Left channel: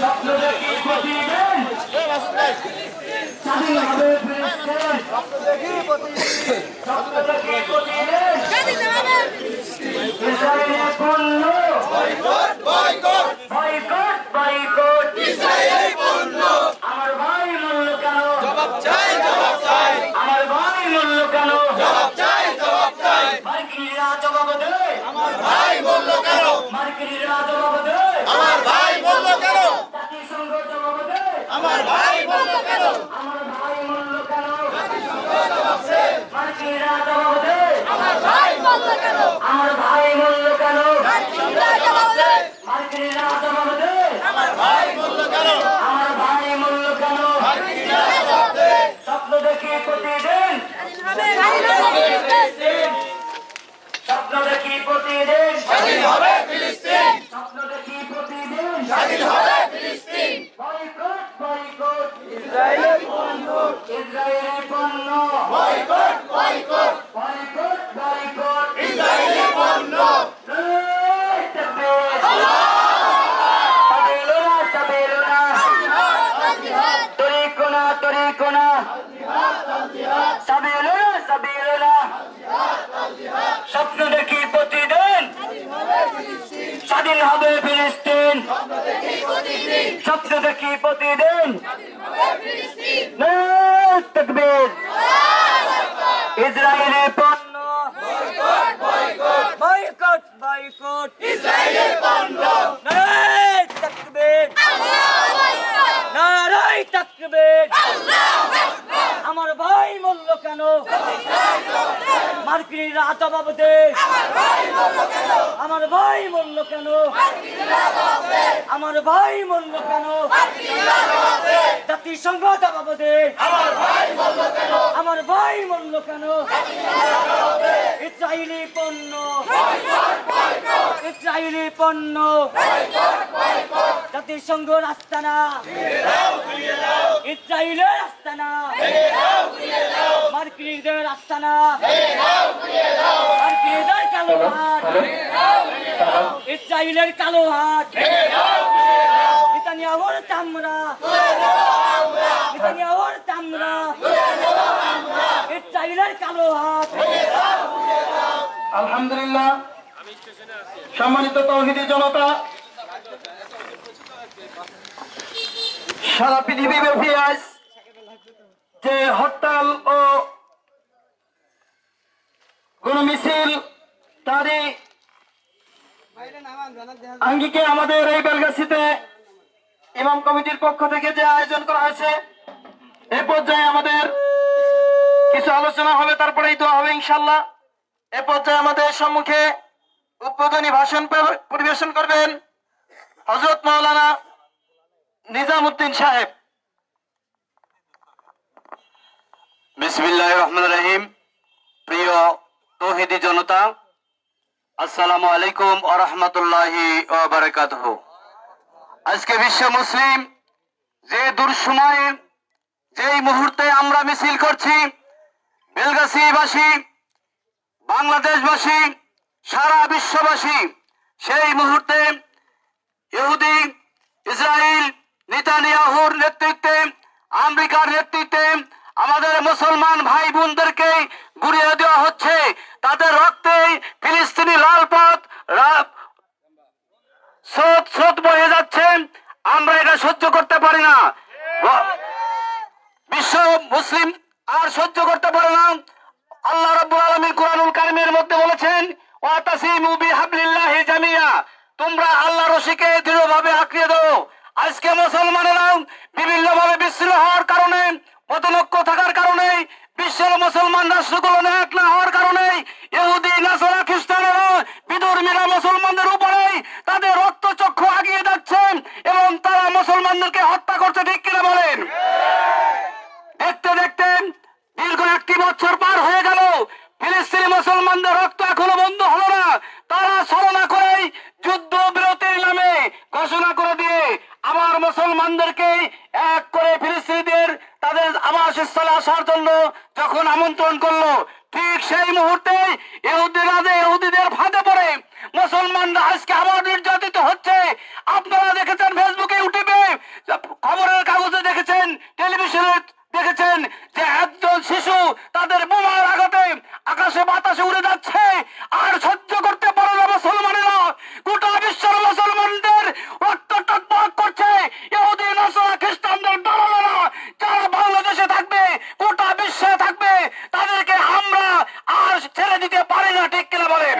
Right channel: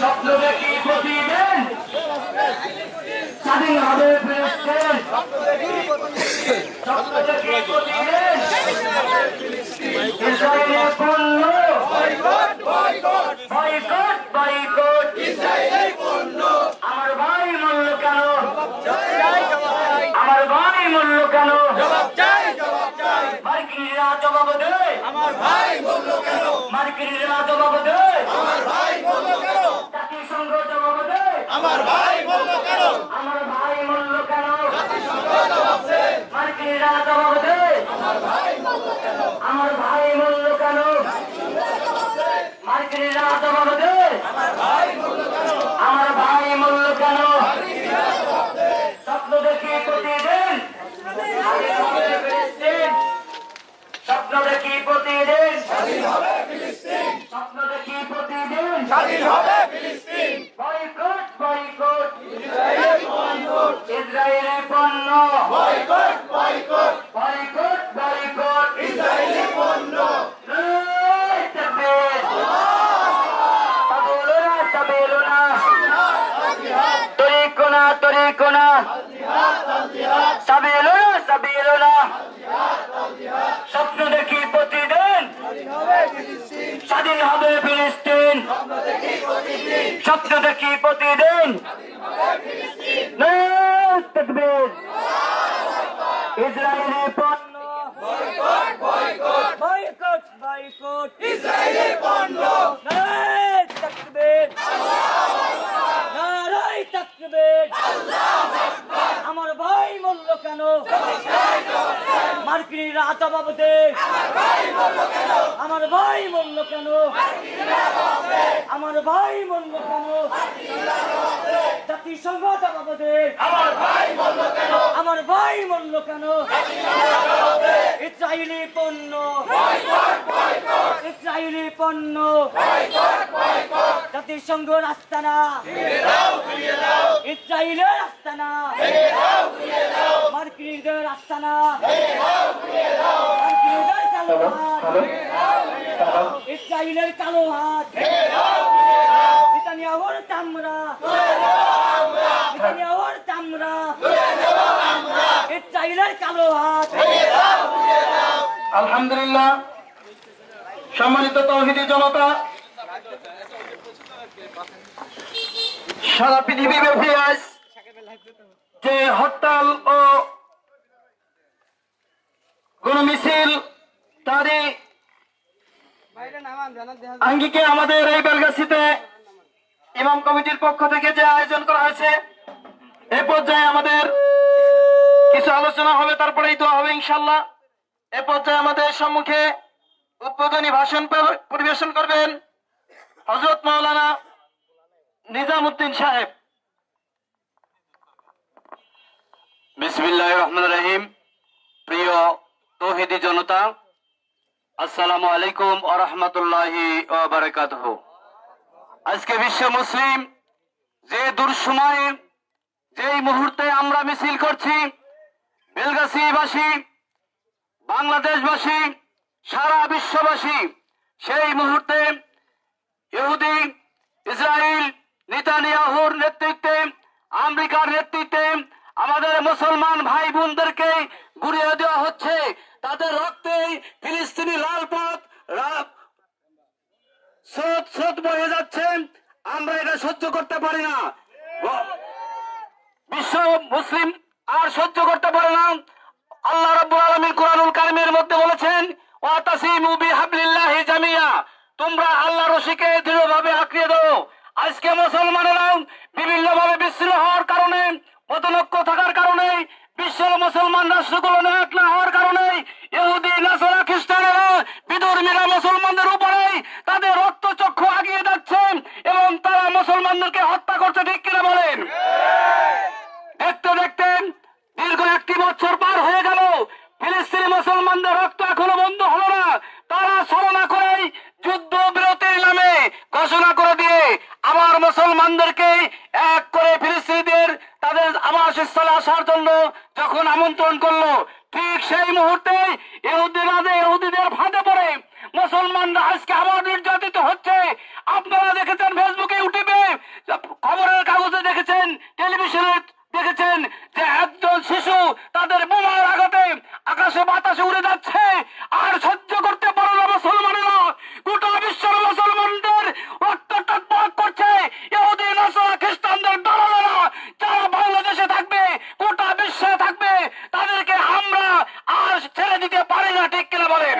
স্বপ্ন দেখি প্রতিদিন স্বাধীন হবে ফিলিস্তিন। স্বপ্ন দেখি প্রতিদিন ইসরায়েলের পণ্য বয়কট বয়কট বয়কট বয়কট ইসরায়েলের পণ্য। আমার ভাই মূল্য কেন জবাব চাই জবাব চাই। আমার ভাই মূল্য কেন জবাব চাই জবাব চাই। মার্কিনিরা জবাব দে আমার ভাই মূল্য কেন। মার্কিনিরা জবাব দে আমার ভাই মূল্য কেন। জাতিসংঘ জবাব দে আমার ভাই মূল্য কেন। আমার ভাই মূল্য কেন। জাতিসংঘ জবাব দে মার্কিনিরা জবাব দে আমার ভাই মূল্য কেন। আমার ভাই মূল্য কেন। জাতিসংঘ জবাব দে মার্কিনিরা জবাব দে আমার ভাই মূল্য কেন। আমার ভাই মূল্য কেন। মার্কিনিরা জবাব দে। স্বপ্ন দেখি প্রতিদিন স্বপ্ন দেখি প্রতিদিন স্বাধীন হবে ফিলিস্তিন। স্বপ্ন দেখি প্রতিদিন স্বাধীন হবে ফিলিস্তিন। বয়কট বয়কট ইসরায়েলের পণ্য ইসরায়েলের পণ্য বয়কট বয়কট বয়কট বয়কট ইসরায়েলের পণ্য। তরিকোনা তরিকোনা সাবিলুনা সাবিলুনা। স্বপ্ন দেখি প্রতিদিন স্বাধীন হবে ফিলিস্তিন। স্বপ্ন দেখি প্রতিদিন তাকবীর। ইসরায়েলের পণ্য বয়কট বয়কট বয়কট বয়কট ইসরায়েলের পণ্য। তাকবীর নারায়ে তাকবীর। আমার ভাই মূল্য কেন। মার্কিনিরা জবাব দে আমার ভাই মূল্য কেন। আমার ভাই মূল্য কেন। আমার ভাই মূল্য কেন। জাতিসংঘ জবাব দে আমার ভাই মূল্য কেন। আমার ভাই মূল্য কেন। ইসরায়েলি পণ্য ইসরায়েলি পণ্য জাতিসংঘ আস্তানা ইসরায়েলের আস্তানা মার্কিনিদের আস্তানা মার্কিনিদের কালো হাত ইসরায়েলের কালো হাত নেতানিয়াহুর চামড়া নেতানিয়াহুর চামড়া ইসরায়েলের কালো হাত। আলহামদুলিল্লাহ, সম্মানিত তাওহীদি জনতা, সারা পৃথিবীব্যাপী আজ যে হরতাল ও গণমিছিল তারই আঙ্গিকে আমাদের এই বেলগাছিতে ইমাম কমিটির পক্ষ থেকে যে আয়োজন করা হয়েছে, এ পর্যায়ে আমাদের কিছু আলোচনা হবে, তারপরেই দোয়া হবে ইনশাআল্লাহ। এ পর্যায়ে আমাদের সম্মুখে উদ্বোধনী ভাষণ পরিবেশন করবেন হযরত মাওলানা নিজামউদ্দিন সাহেব। বিসমিল্লাহির রহমানির রহিম। প্রিয় তাওহীদি জনতা, আসসালামু আলাইকুম ওয়া রাহমাতুল্লাহি ওয়া বারাকাতুহু। আজকে বিশ্ব মুসলিম যে দুঃসময়ে যেই মুহূর্তে আমরা মিছিল করছি, বেলগাছিবাসী, বাংলাদেশবাসী, সারা বিশ্ববাসী সেই মুহূর্তে ইহুদি ইসরায়েল নেতানিয়াহুর নেতৃত্বে, আমেরিকার নেতৃত্বে আমাদের মুসলমান ভাই বোনদেরকে গুড়িয়ে দেওয়া হচ্ছে। তাদের রক্তে ফিলিস্তিনি লালপথ স্রোত বয়ে যাচ্ছে। আমরা এটা সহ্য করতে পারি না। বিশ্ব মুসলিম আর সহ্য করতে পারে না। আল্লাহ রাব্বুল আলামিন কুরআনুল কারীমের মধ্যে বলেছেন, ওয়াতাসিমু বিহাবলিল্লাহি জামিয়া, তোমরা আল্লাহর রশিকে দৃঢ়ভাবে আঁকড়িয়ে দাও। আজকে মুসলমানেরা বিভিন্ন ভাবে বিচ্ছিন্ন হওয়ার কারণে, মতনৈক্য থাকার কারণে, বিশ্বের মুসলমান রাষ্ট্রগুলো এক না হওয়ার কারণে ইহুদি নাসারা খ্রিস্টানেরা বিধর্মীরা মুসলমানদের উপরে তাদের রক্তচক্র কর্তৃপক্ষ এগিয়ে যাচ্ছে এবং তারা মুসলমানদেরকে হত্যা করছে, ঠিক কিনা বলেন? দেখতে দেখতে দীর্ঘ 1 বছর পার হয়ে গেল, ফিলিস্তিনি মুসলমানদের রক্ত এখনো বন্ধ হলো না। তারা ছলনা করেই যুদ্ধ বিরতির নামে ঘোষণা করে দিয়ে আমার মুসলমানদেরকে এক করে ফিলিস্তিনিদের তাদের আবাসস্থলে আসার জন্য যখন আমন্ত্রণ করলো, ঠিক সেই মুহূর্তে ইহুদিদের ফাঁদে পড়ে মুসলমানরা আজকে আবার নির্যাতিত হচ্ছে। আপনারা দেখেছেন ফেসবুকে, ইউটিউবে, খবরের কাগজে দেখেছেন, টেলিভিশনে দেখেছেন যে একজন শিশু তাদের বোমার আঘাতে আকাশে বাতাসে উড়ে যাচ্ছে। আর সহ্য করতে পারে না মুসলমানেরা, গোটা বিশ্বের মুসলমানদের রক্ত টকবক করছে ইহুদি নাসারা খ্রিস্টানদের দালালেরা যারা বাংলাদেশে থাকবে, গোটা বিশ্বে থাকবে, তাদেরকে আমরা আর ছেড়ে দিতে পারি না, ঠিক কিনা বলেন?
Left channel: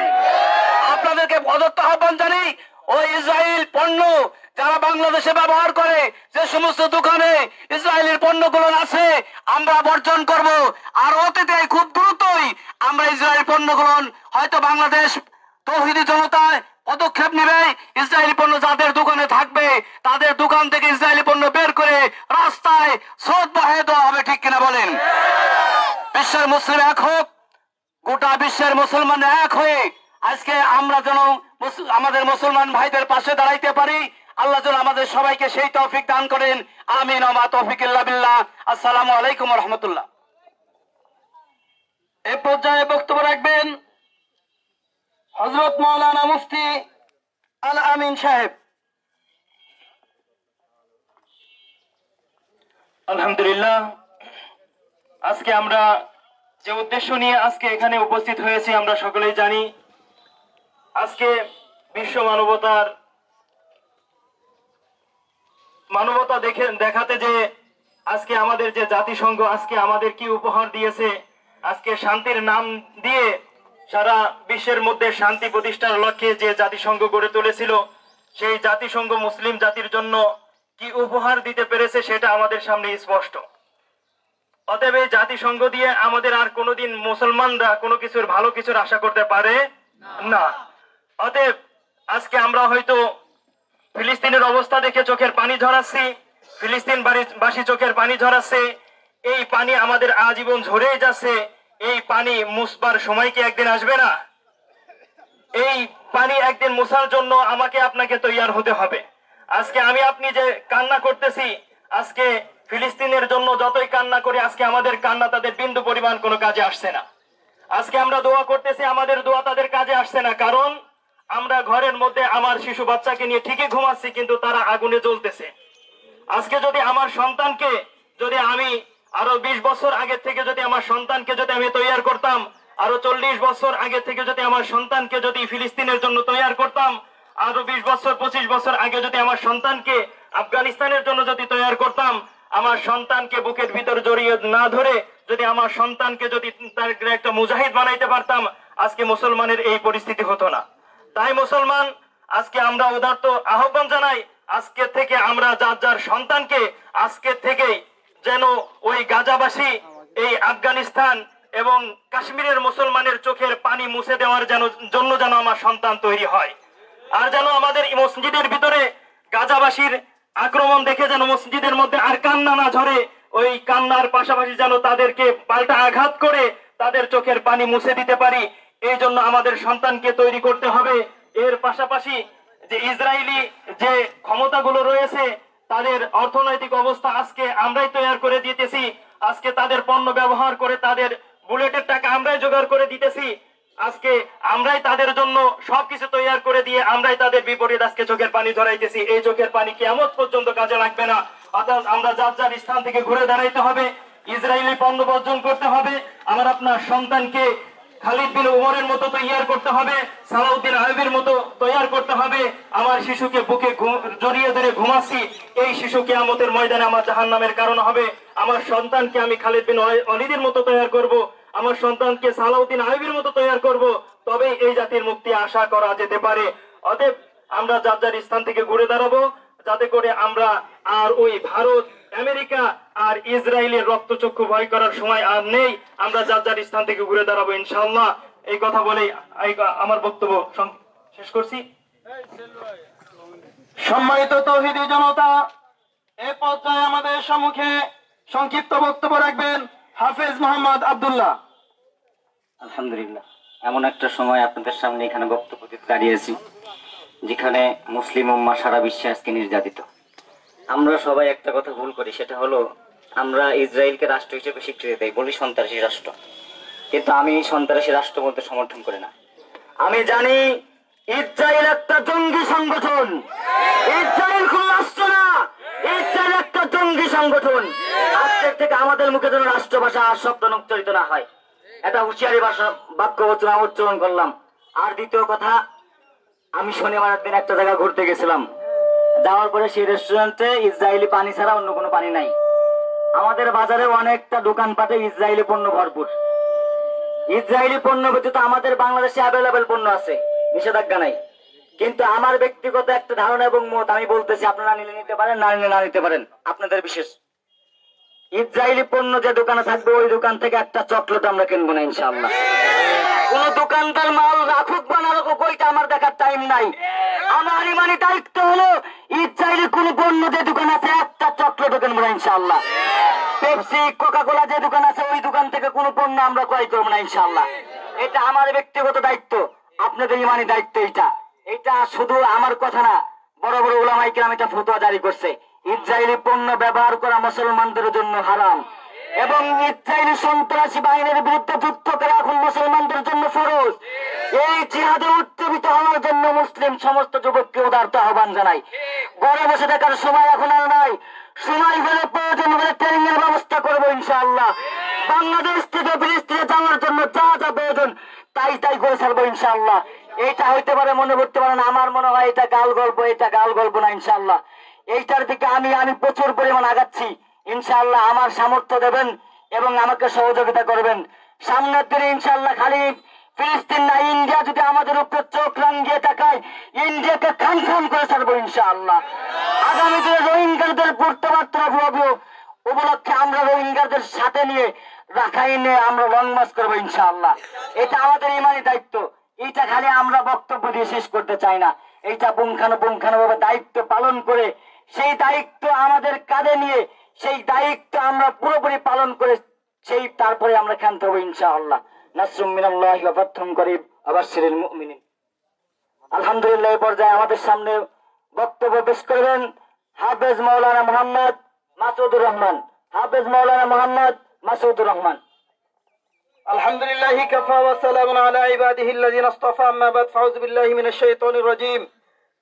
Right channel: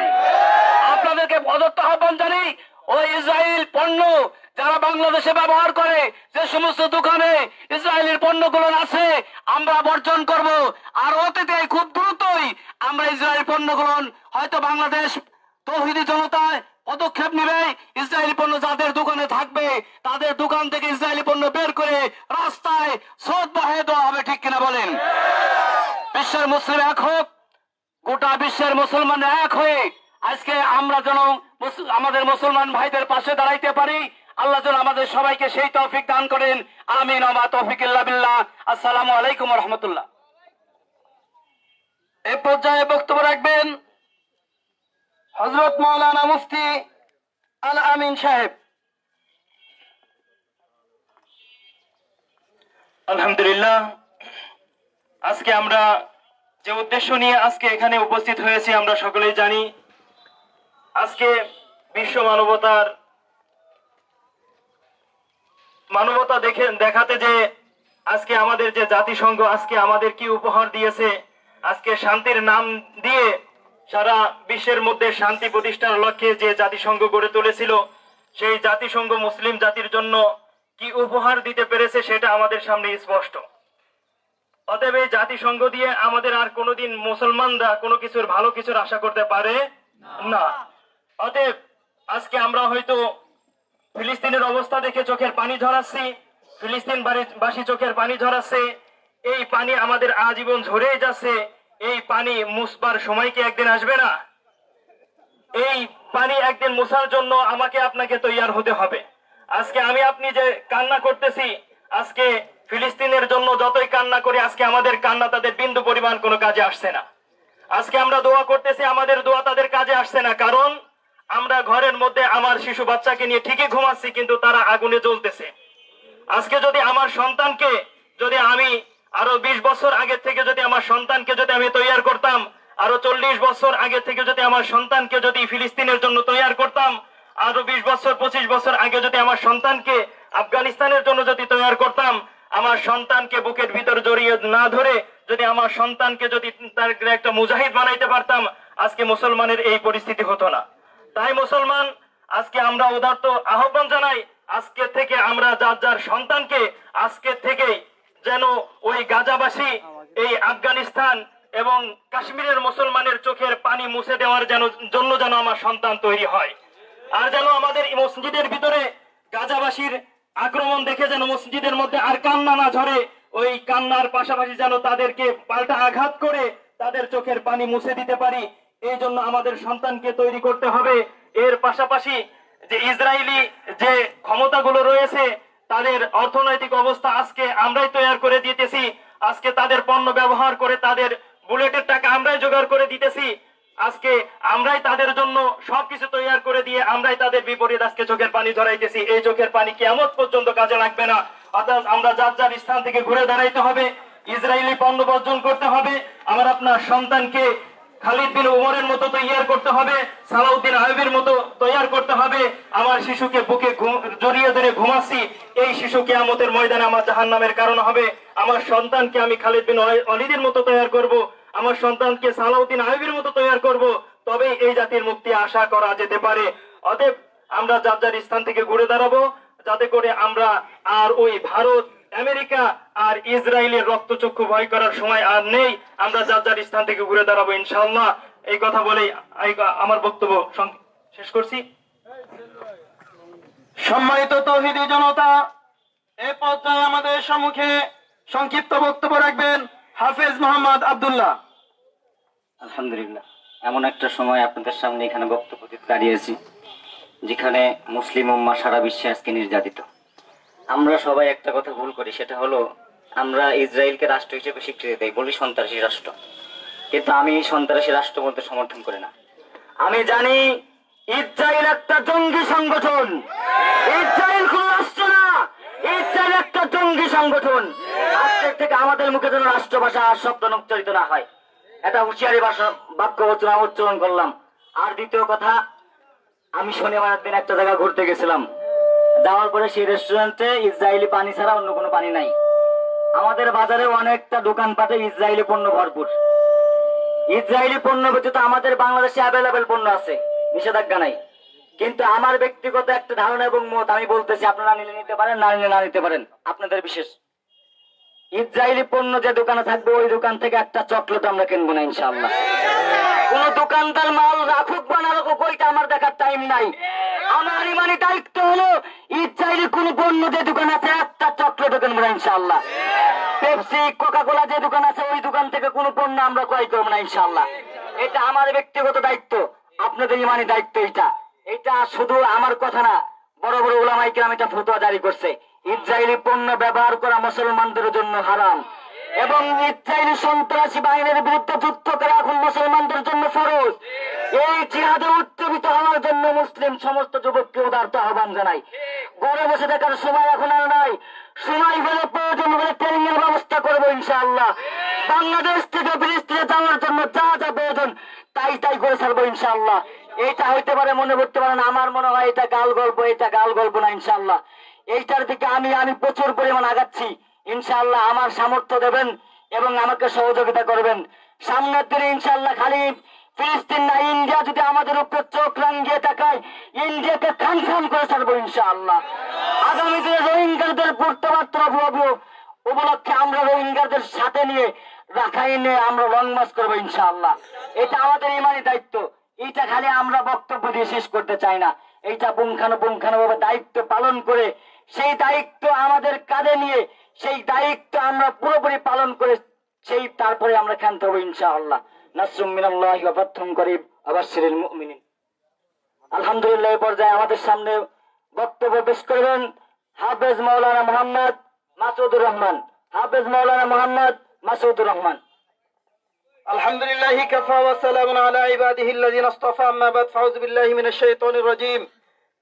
আপনাদেরকে প্রদত্ত আহ্বান জানি, ওই ইসরায়েল পণ্য যারা বাংলাদেশে ব্যবহার করে, যে সমস্ত দোকানে ইসরায়েলের পণ্যগুলো আছে আমরা বর্জন করব। আর অতীতে খুব দ্রুতই আমরা ইসরায়েল পণ্যগুলো হয়তো বাংলাদেশ তৌহিদি জনতায় পদক্ষেপ নেবে, ইসরায়েলি পণ্য যাদের দোকানে থাকবে তাদের দোকান থেকে ইসরায়েলি পণ্য বের করে রাস্তায় স্রোত বহায় দেওয়া হবে, ঠিক কিনা বলেন? বিশ্বের মুসলিম এক হোক, গোটা বিশ্বের মুসলমান এক হয়ে আজকে আমরা যেন আমাদের মুসলমান ভাইদের পাশে দাঁড়াইতে পারি। আল্লাহ যেন আমাদের সবাইকে সেই তৌফিক দান করেন। আমিন ওয়া মা তৌফিক ইল্লা বিল্লাহ। আসসালামু আলাইকুম ওয়া রাহমাতুল্লাহ। এই পর্যায়ে বক্তব্য রাখবেন হযরত মাওলানা মুফতি আল আমিন সাহেব। আলহামদুলিল্লাহ, আজকে আমরা যে উদ্দেশ্য নিয়ে আজকে এখানে উপস্থিত হয়েছি আমরা সকলেই জানি। আজকে বিশ্ব মানবতা দেখাতে যে আজকে আমাদের যে জাতিসংঘ আজকে আমাদের কি উপহার দিয়েছে, আজকে শান্তির নাম দিয়ে সারা বিশ্বের মধ্যে শান্তি প্রতিষ্ঠার লক্ষ্যে যে জাতিসংঘ গড়ে তুলেছিল, সেই জাতিসংঘ মুসলিম জাতির জন্য কি উপহার দিতে পেরেছে সেটা আমাদের সামনে স্পষ্ট। অতএব এই জাতিসংঘ দিয়ে আমাদের আর কোনোদিন মুসলমানরা কোনো কিছুর ভালো কিছুর আশা করতে পারে না। অতএব আজকে আমরা হয়তো ফিলিস্তিনের অবস্থা দেখে চোখের পানি ঝরাচ্ছি, ফিলিস্তিন বাসী চোখের পানি ঝরাচ্ছে, এই পানি আমাদের আজীবন ঝরেই যাচ্ছে। এই পানি মুছবার সময় কি একদিন আসবে না? এই পানি একদিন মুছার জন্য আমাকে আপনাকে তৈয়ার হতে হবে। আজকে আমি আপনি যে কান্না করতেছি, আজকে ফিলিস্তিনের জন্য যতই কান্না করি, আজকে আমাদের কান্না তাদের বিন্দু পরিমাণ কোনো কাজে আসছে না। আজকে আমরা দোয়া করতেছি, আমাদের দোয়া তাদের কাজে আসছে না। কারণ আমরা ঘরের মধ্যে আমার শিশু বাচ্চাকে নিয়ে ঠিকই ঘুমাচ্ছি, কিন্তু তারা আগুনে জ্বলতেছে। আজকে যদি আমার সন্তানকে যদি আমি আরো 20 বছর আগে থেকে যদি আমার সন্তানকে যদি আমি তৈয়ার করতাম, আরো 40 বছর আগে থেকে যদি আমার সন্তানকে যদি ফিলিস্তিনের জন্য তৈয়ার করতাম, আরো 20 বছর 25 বছর আগে যদি আমার সন্তানকে আফগানিস্তানের জন্য যদি তৈয়ার করতাম, আমার সন্তানকে বুকের ভিতর জড়িয়ে না ধরে যদি আমার সন্তানকে যদি তার একটা মুজাহিদ বানাইতে পারতাম, আজকে মুসলমানের এই পরিস্থিতি হতো না। তাই মুসলমান আজকে আমরা উদারত আহ্বান জানাই, আজকে থেকে আমরা যার যার সন্তানকে আজকে থেকেই যেন ওই গাজাবাসী, এই আফগানিস্তান এবং কাশ্মীরের মুসলমানের চোখের পানি মুছে দেওয়ার জন্য যেন আমার সন্তান তৈরি হয়। আর যেন আমাদের মসজিদের ভিতরে গাজাবাসীর আক্রমণ দেখে যেন মসজিদের মধ্যে আর কান্না না ঝরে, ওই কান্নার পাশাপাশি যেন তাদেরকে পাল্টা আঘাত করে তাদের চোখের পানি মুছে দিতে পারি। এই জন্য আমাদের সন্তানকে তৈরি করতে হবে। এর পাশাপাশি যে ইসরায়েলি যে ক্ষমতাগুলো রয়েছে, তাদের অর্থনৈতিক অবস্থা আজকে আমরাই তৈরি করে দিতেছি। আজকে তাদের পণ্য ব্যবহার করে তাদের বুলেটের টাকা আমরাই জোগাড় করে দিতেছি। আজকে আমরাই তাদের জন্য সবকিছু তৈরি করে দিয়ে আমরাই তাদের বিপরীত আজকে চোখের পানি ধরাইতেছি। এই চোখের পানি কিয়ামত পর্যন্ত কাজে লাগবে না। অর্থাৎ আমরা যার যার স্থান থেকে ঘুরে দাঁড়াইতে হবে, ইসরায়েলি পণ্য বর্জন করতে হবে। আমার আপনার সন্তানকে খালিদ বিন উমরের মতো তৈয়ার করতে হবে, সালাউদ্দিন আইয়ুবের মতো তৈয়ার করতে হবে। আমার শিশুকে বুকে জড়িয়ে ধরে ঘুমাচ্ছি, এই শিশু কিয়ামতের ময়দানে আমার জাহান্নামের কারণ হবে। আমার সন্তানকে আমি খালিদ বিন ওয়ালিদের মতো তৈয়ার করব, আমার সন্তানকে সালাউদ্দিন আইয়ুবের মতো তৈয়ার করব, তবেই এই জাতির মুক্তি আশা করা যেতে পারে। অতএব আমরা যার যার স্থান থেকে ঘুরে দাঁড়াবো, যাতে করে আমরা আর ওই ভারত, আমেরিকা আর ইসরায়েলের রক্তচক্ষু ভয় করার সময় আর নেই। আমরা যার যার স্থান থেকে ঘুরে দাঁড়াবো ইনশাআল্লাহ। এই কথা বলেই আমার বক্তব্য শেষ করছি। সম্মানিত তৌহিদি জনতা, এ পর্যায়ে আমাদের সম্মুখে সংক্ষিপ্ত বক্তব্য রাখবেন হাফেজ মোহাম্মদ আব্দুল্লাহ। আলহামদুলিল্লাহ, এমন একটা সময় আপনাদের সামনে এখানে বক্তব্য দিতে দাঁড়িয়েছি যেখানে মুসলিম উম্মাহ সারা বিশ্বে আজকে নির্যাতিত। আমরা সবাই একটা কথা ভুল করি, সেটা হলো আমরা ইসরায়েলকে রাষ্ট্র হিসেবে স্বীকৃতি দেই, বলি সন্ত্রাসী রাষ্ট্র। কিন্তু আমি সন্ত্রাসী রাষ্ট্র বলতে সমর্থন করি না। আমি জানি ইসরায়েল একটা জঙ্গি সংগঠন। ইসরায়েল কোন রাষ্ট্র না, ইসরায়েল একটা জঙ্গি সংগঠন। আজকের থেকে আমাদের মুখে যেন রাষ্ট্র ভাষা আর শব্দ উচ্চারিত না হয়, এটা হুঁশিয়ারি ভাষা বাক্য উচ্চারণ করলাম। আর দ্বিতীয় কথা, আমি শনিবারের দিন একটা জায়গা ঘুরতে গেছিলাম, যাওয়ার পরে সেই রেস্টুরেন্টে ইসরায়েলি পানি ছাড়া অন্য কোনো পানি নাই। আমাদের বাজারে অনেকটা দোকানপাটে ইসরায়েলি পণ্য ভরপুর। ইসরায়েলি পণ্য ব্যতীত আমাদের বাংলাদেশে অ্যাভেলেবেল পণ্য আছে, নিষেধাজ্ঞা নাই। কিন্তু আমার ব্যক্তিগত একটা ধারণা এবং মত আমি বলতেছি, আপনারা নিলে নিতে পারেন, না নিলে না নিতে পারেন, আপনাদের বিশেষ। ইসরায়েলি পণ্য যে দোকানে থাকবে ওই দোকান থেকে একটা চকলেট আমরা কিনবো না ইনশাআল্লাহ। কোন দোকানদার মাল রাখুক বা না রাখুক ওইটা আমার দেখার টাইম নাই। আমার ইমানি দায়িত্ব হলো ইসরায়েলি কোন পণ্য যে দোকান আছে একটা চকলেটও কিনবো না ইনশাআল্লাহ। পেপসি, কোকা কোলা যে দোকান আছে ওই দোকান থেকে কোনো পণ্য আমরা ক্রয় করবো না ইনশাআল্লাহ। এটা আমার ব্যক্তিগত দায়িত্ব, আপনাদের ইমানি দায়িত্ব। এটা শুধু আমার কথা না, বড় বড় উলামায়ে কেরাম এটা ফতোয়া জারি করছে। ইসরায়েলি পণ্য ব্যবহার করা মুসলমানদের জন্য হারাম এবং ইসরায়েলি সন্ত্রাসী বাহিনীর বিরুদ্ধে যুদ্ধ করা এখন মুসলমানদের জন্য ফরজ। এই জিহাদে উজ্জীবিত হওয়ার জন্য মুসলিম সমস্ত যুবককে উদারত আহ্বান জানাই। ঘরে বসে থাকার সময় এখন আর নাই, সময় হলে প্রয়োজন হলে ট্রেনিং এর ব্যবস্থা করবো ইনশাআল্লাহ। বাংলাদেশ থেকে ফিলিস্তিনে যাওয়ার জন্য যা যা প্রয়োজন তাই করে ছাড়বো ইনশাআল্লাহ। এটা হইতে পারে, মনে করতে পারেন আমার মনে হয় এটা গাল গল্প, এটা গাল গল্প না ইনশাআল্লাহ। এইটার দিকে আমি প্রচুর পরিমাণ আগাচ্ছি ইনশাআল্লাহ। আমার সামর্থ্য দেবেন এবং আমাকে সহযোগিতা করবেন। সামনের দিনে ইনশাআল্লাহ খালি ফিলিস্তিন না, ইন্ডিয়া যদি আমাদের উপরে চোখ রাঙিয়ে তাকায়, ইন্ডিয়াকে খান খান করে ছাড়বো ইনশাআল্লাহ। আগামী দিনে রোহিঙ্গাদের পূর্তমাত্রা উপলক্ষে আমরা রোহিঙ্গাদের সাথে নিয়ে রাখাইনে আমরা লং মার্চ করবো ইনশাআল্লাহ। এটা আমাদের ইমানি দায়িত্ব। এটা খালি আমরা বক্তব্য দিয়ে শেষ করতে চাই না, এইটা পুঙ্খানুপুঙ্খানুভাবে দায়িত্ব পালন করে, সেই দায়িত্ব আমাদের কাঁধে নিয়ে সেই দায়িত্ব আমরা পুরোপুরি পালন করে তারপরে আমরা ক্ষান্ত হবো ইনশাআল্লাহ। নাসরুম মিনাল্লাহি ওয়া ফাতহুন করিব ওয়া বাশশিরিল মুমিনিন। আলহামদুলিল্লাহ, এই পর্যায়ে আমাদের সামনে বক্তব্য পেশ করবেন হাফেজ মাওলানা মোহাম্মদ মাসুদুর রহমান। হাফেজ মাওলানা মোহাম্মদ মাসুদুর রহমান। আলহামদুলিল্লাহি কাফা ওয়া সালামুন আলা ইবাদিহিল্লাযিনা ইসতাফা, আম্মা বাদ, ফাউযু বিল্লাহি মিনাশ শাইতানির রাজীম।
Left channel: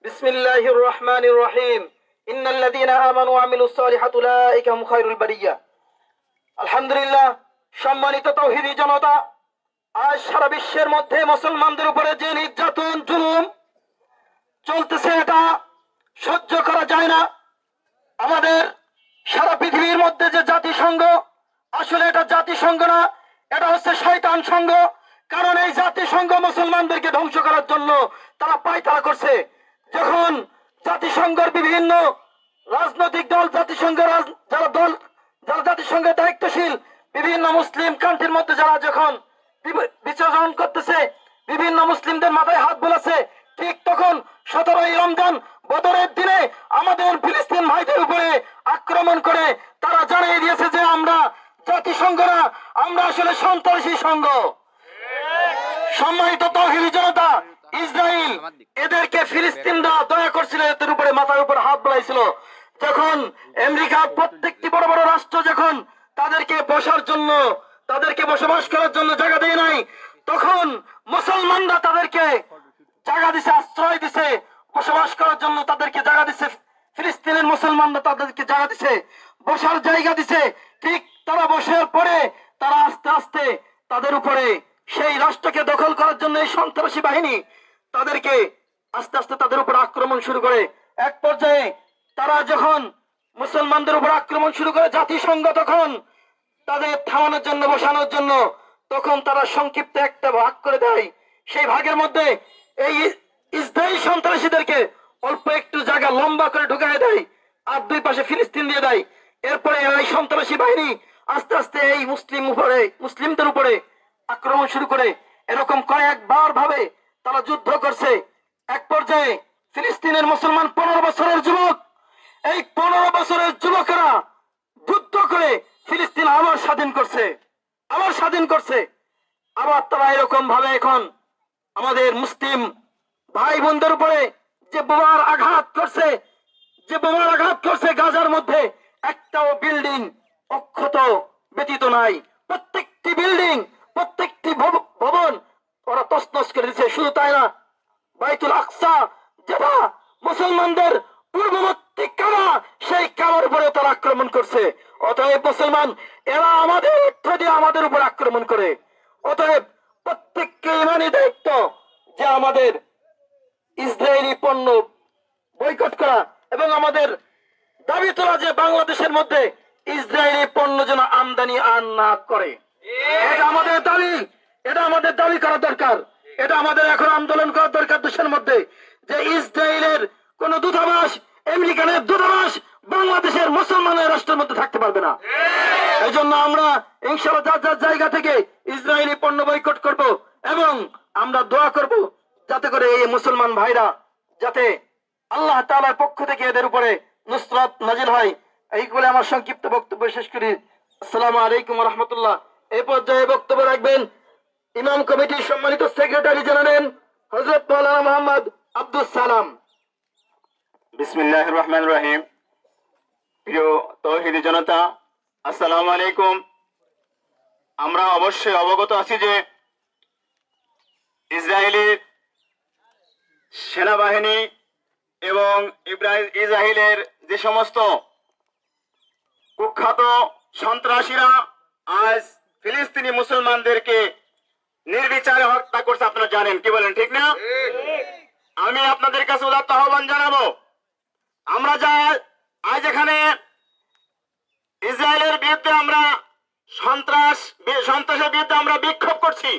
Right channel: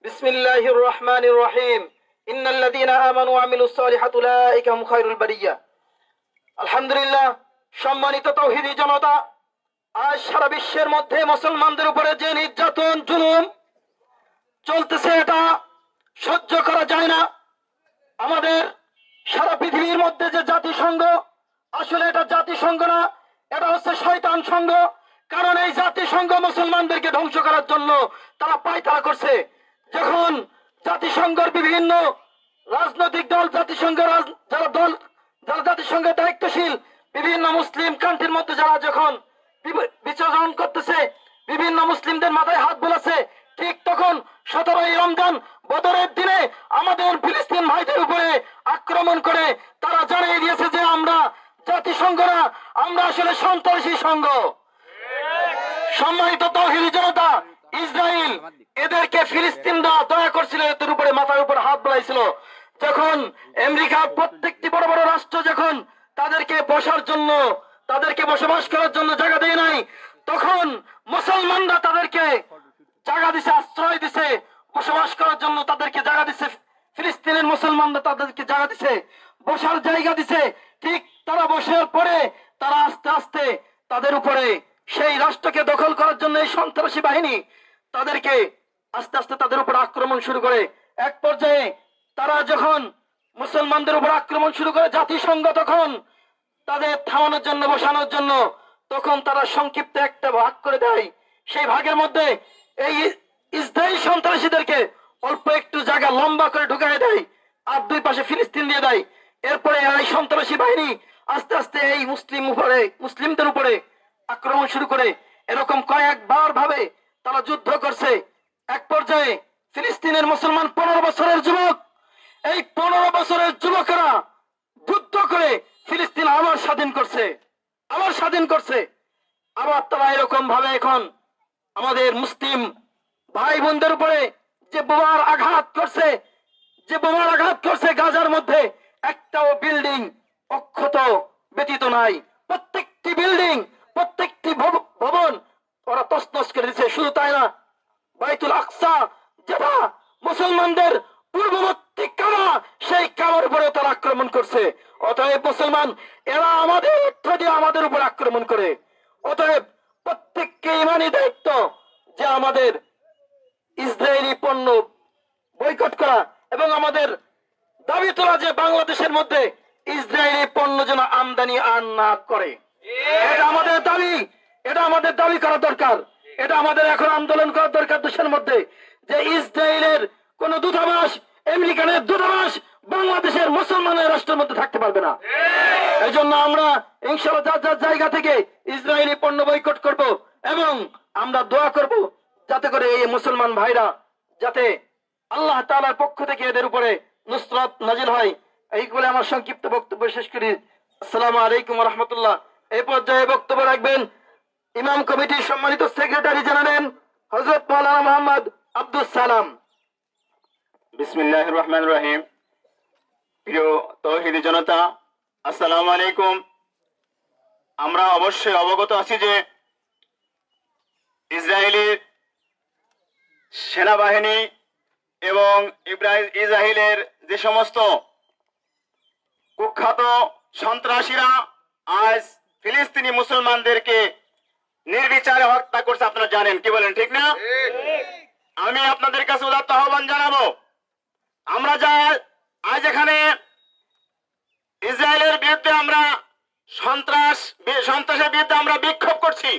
বিসমিল্লাহির রহমানির রহিম। ইন্নাল্লাযিনা আমানু ওয়া আমিলুস সালিহাতি উলাইকা হুম খায়রুল বারিয়া। আলহামদুলিল্লাহ, সম্মানিত তাওহীদি জনতা, আজ সারা বিশ্বের মধ্যে মুসলমানদের উপরে যে নির্যাতন জুলুম চলতেছে এটা সহ্য করা যায় না। আমাদের সারা পৃথিবীর মধ্যে যে জাতিসংঘ, আসলে এটা জাতিসংঘ না, এটা হচ্ছে শয়তান সংঘ। কারণ এই জাতিসংঘ মুসলমানদেরকে ধ্বংস করার জন্য তারা পায়তারা করছে। যখন জাতিসংঘের বিভিন্ন রাজনৈতিক দল, যারা জাতিসংঘের দায়িত্বশীল বিভিন্ন মুসলিম কান্ট্রির মধ্যে যারা যখন বিচরণ করতেছে, বিভিন্ন মুসলিমদের মাথায় হাত বোলাচ্ছে, ঠিক তখন 17ই রমজান বদরের দিনে আমাদের ফিলিস্তিন ভাইদের উপরে আক্রমণ করে তারা জানিয়ে দিয়েছে যে আমরা জাতিসংঘ না, আমরা আসলে সন্ত্রাসী সংঘ। সম্মানিত তাওহীদি জনতা, ইসরায়েল এদেরকে ফিলিস্তিনরা দয়া করছিল, এদের উপরে মাথার উপর হাত বোলাইছিল। যখন আমেরিকা প্রত্যেকটি বড় বড় রাষ্ট্র যখন তাদেরকে বসবাস করার জন্য জায়গা দেয় নাই, তখন মুসলমানরা তাদেরকে জায়গা দিছে, আশ্রয় দিছে, বসবাস করার জন্য তাদেরকে জায়গা দিছে। ফিলিস্তিনের মুসলমানরা তাদেরকে জায়গা দিছে, বসার জায়গা দিছে। ঠিক তারা বসার পরে তারা আস্তে আস্তে তাদের উপরে সেই রাষ্ট্রকে দখল করার জন্য এই সন্ত্রাসী বাহিনী তাদেরকে আস্তে আস্তে তাদের উপর আক্রমণ শুরু করে। এক পর্যায়ে তারা যখন মুসলমানদের উপর আক্রমণ শুরু করে, জাতিসংঘ তখন তাদের থামানোর জন্য, বসানোর জন্য তখন তারা সংক্ষিপ্ত একটা ভাগ করে দেয়। সেই ভাগের মধ্যে এই ইসরায়েল সন্ত্রাসীদেরকে অল্প একটু জায়গা লম্বা করে ঢুকায় দেয় আর দুই পাশে ফিলিস্তিন দিয়ে দেয়। এরপরে এই সন্ত্রাসী বাহিনী আস্তে আস্তে এই মুসলিমদের উপরে আক্রমণ শুরু করে। এরকম কয়েকবার ভাবে তারা যুদ্ধ করছে। এক পর্যায়ে ফিলিস্তিনের মুসলমান 15 বছরের যুবক, এই 15 বছরের যুবকেরা যুদ্ধ করে ফিলিস্তিন আবার স্বাধীন করছে, আবার তারা এরকম ভাবে এখন আমাদের মুসলিম ভাই বোনদের উপরে যে বোমার আঘাত করছে গাজার মধ্যে একটাও বিল্ডিং অক্ষত ব্যতীত নাই। প্রত্যেকটি বিল্ডিং, প্রত্যেকটি ভবন ওরা তছনছ করে দিচ্ছে। শুধু তাই না, বাইতুল আকসা যেটা মুসলমানদের পূর্ববর্তী কাবা, সেই কাবার উপরে তারা আক্রমণ করছে। অতএব মুসলমান এরা আমাদের অর্থ দিয়ে আমাদের উপর আক্রমণ করে। অতএব প্রত্যেককে ইমানি দায়িত্ব যে আমাদের ইসরায়েলি পণ্য বয়কট করা এবং আমাদের দাবি তোলা যে বাংলাদেশের মধ্যে ইসরায়েলি পণ্য যেন আমদানি আর না করে। এটা আমাদের দাবি করা দরকার। এটা আমাদের এখন আন্দোলন করা দরকার দেশের মধ্যে, যে ইসরায়েলের কোন দূতাবাস, আমেরিকানের দূতাবাস বাংলাদেশের মুসলমানের রাষ্ট্রের মধ্যে থাকতে পারবে না। এই জন্য আমরা ইনশাআল্লাহ যার যার জায়গা থেকে ইসরায়েলি পণ্য বয়কট করব এবং আমরা দোয়া করব যাতে করে এই মুসলমান ভাইরা যাতে আল্লাহ তাআলার পক্ষ থেকে এদের উপরে নুসরাত নাজিল হয়। এই বলে আমার সংক্ষিপ্ত বক্তব্য শেষ করি। আসসালামু আলাইকুম ওয়া রাহমাতুল্লাহ। এই পর্যায়ে বক্তব্য রাখবেন ইমাম কমিটির সম্মানিত সেক্রেটারি জানালেন হযরত মাওলানা মোহাম্মদ আব্দুস সালাম। বিসমিল্লাহির রহমানির রহিম। প্রিয় তৌহিদি জনতা, আসসালামু আলাইকুম। আমরা অবশ্যই অবগত আছি যে ইসরায়েলের সেনাবাহিনী এবং ইসরায়েলের যে সমস্ত কুখ্যাত সন্ত্রাসীরা আজ ফিলিস্তিনি মুসলমানদেরকে নির্বিচারে হত্যা করছে, আপনারা জানেন। কি বলেন, ঠিক না? আমি আপনাদের কাছে উদাত্ত আহ্বান জানাবো, আমরা যা আজ এখানে ইসরায়েলের বিরুদ্ধে আমরা সন্ত্রাসের বিরুদ্ধে আমরা বিক্ষোভ করছি,